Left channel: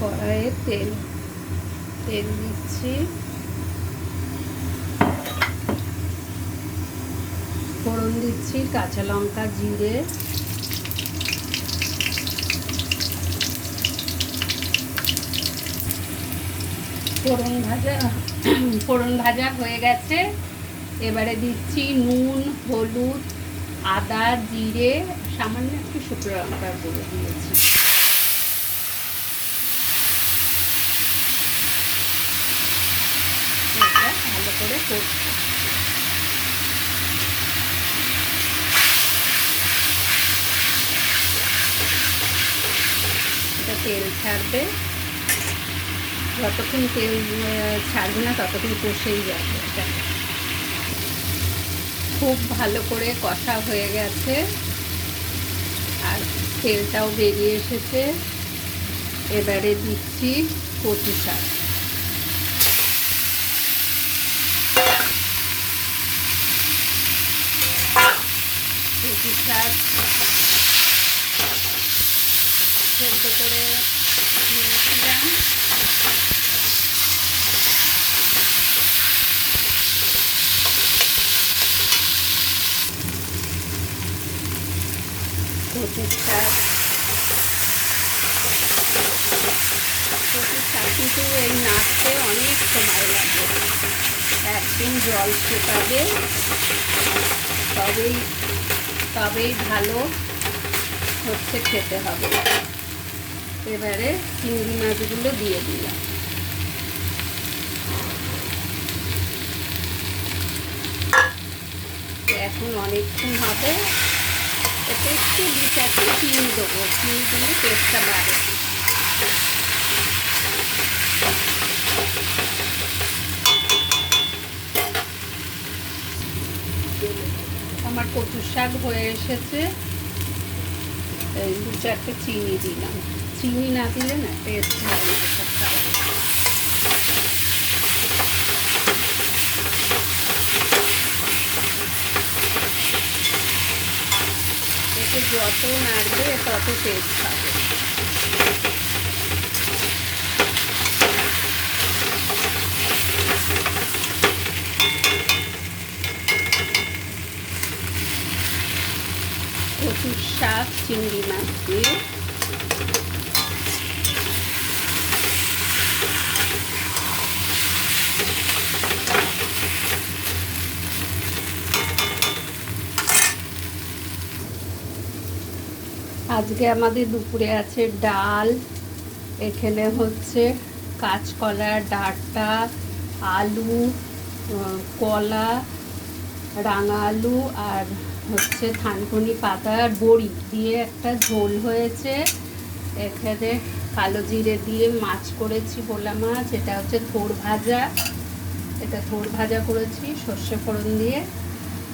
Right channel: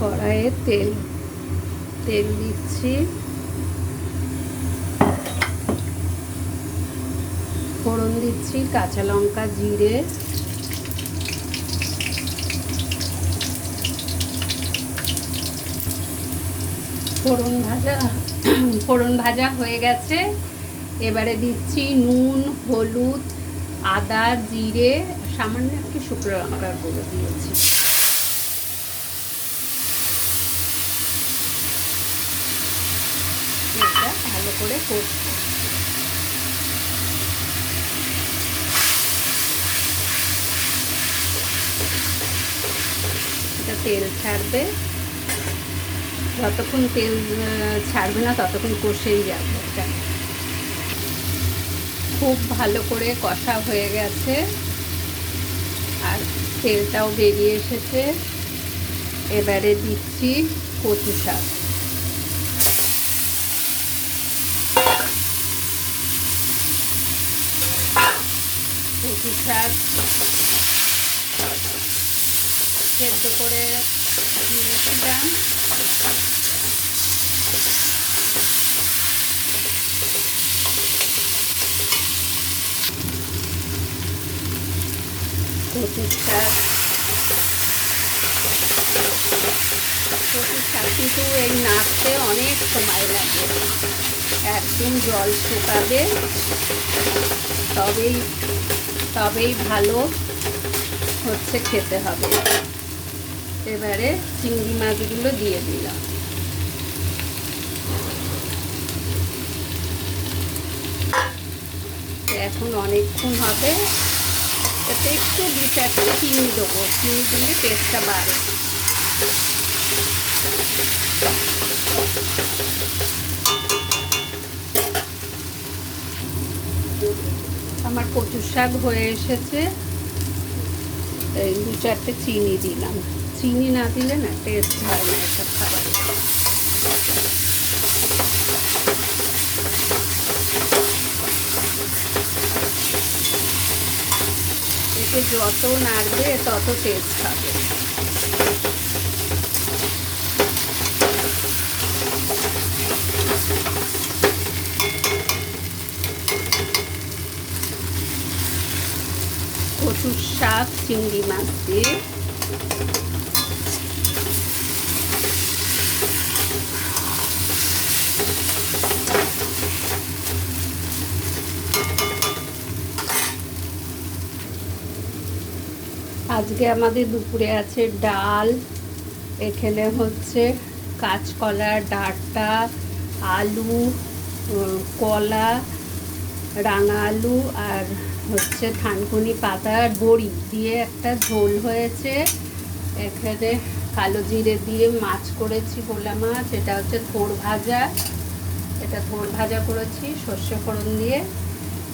কড়াইয়ে তেল দিচ্ছি, ফোড়ন দিচ্ছি কাঁচা লঙ্কা, জিরে, ফোড়ন ভাজা হয়ে গেছে। এবারে দিচ্ছি নুন, হলুদ, আদা, জিরে, সামান্য একটু শুকনো লঙ্কার গুঁড়ো দিয়েছি। এটা ভালো করে কষবো। এটা তেল ছাড়বে, যতক্ষণ তেল ছাড়বে না ততক্ষণ কষেই যাবে। এটা খুব ভালো করে কষা হয়ে গেছে আর তেলটাও বেরিয়ে এসেছে। এবারে দিচ্ছি কচু শাক। কচু শাক সেদ্ধ করে নিয়েছিলাম, কচু শাক কিন্তু এই নাড়তে অনেক সময় লাগে, একদম জল শুকাবে তবেই ভালো হচ্ছে, খেতে হবে। এবারে চিংড়ি মাছগুলো দিয়ে দিলাম। এখন অনেকক্ষণ হবে, এতে একটু 2-4টা চিনি দেবো, চিনি দিলে টেস্টটা বাড়ে। আমার কচুর শাক হয়ে এসেছে, এই 2-4টে চিনি দিলাম। চিনি না দিলে না টেস্ট হয় না এসব খাবার। এতে যত নাড়বে তত টেস্ট হবে। কচুর শাক চিংড়ি মাছ দিয়ে আজকে আমাদের দুপুরে আছে ডাল, এখানে হচ্ছে কাঁচকলা, ডাঁটা, আলু, কলা, রাঙা আলু আর হচ্ছে থানকুনি পাতা আর বড়ি দিয়ে একটা ঝোল হয়েছে। এখানে কালো জিরে দিয়ে মাছ করেছি, ভোলা মাছ। এটা হচ্ছে থোড় ভাজা, এটা থোড় ভাজা করেছি সর্ষে ফোড়ন দিয়ে।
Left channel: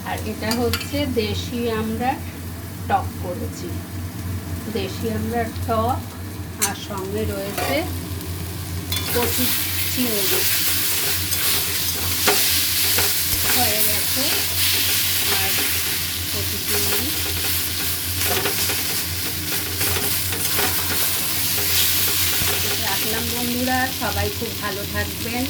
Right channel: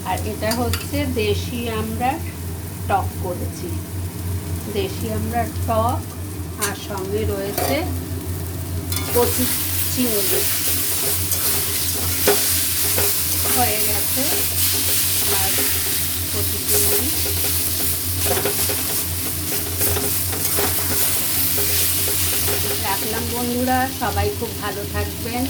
আর এটা হচ্ছে দেশি আমরা টক করেছি, দেশি আমরা টক, আর সঙ্গে রয়েছে কচু চিংড়ি হয়ে গেছে। আর কচু চিংড়ি রাখলাম। বন্ধুরা সবাই খুব ভালো থাকবেন।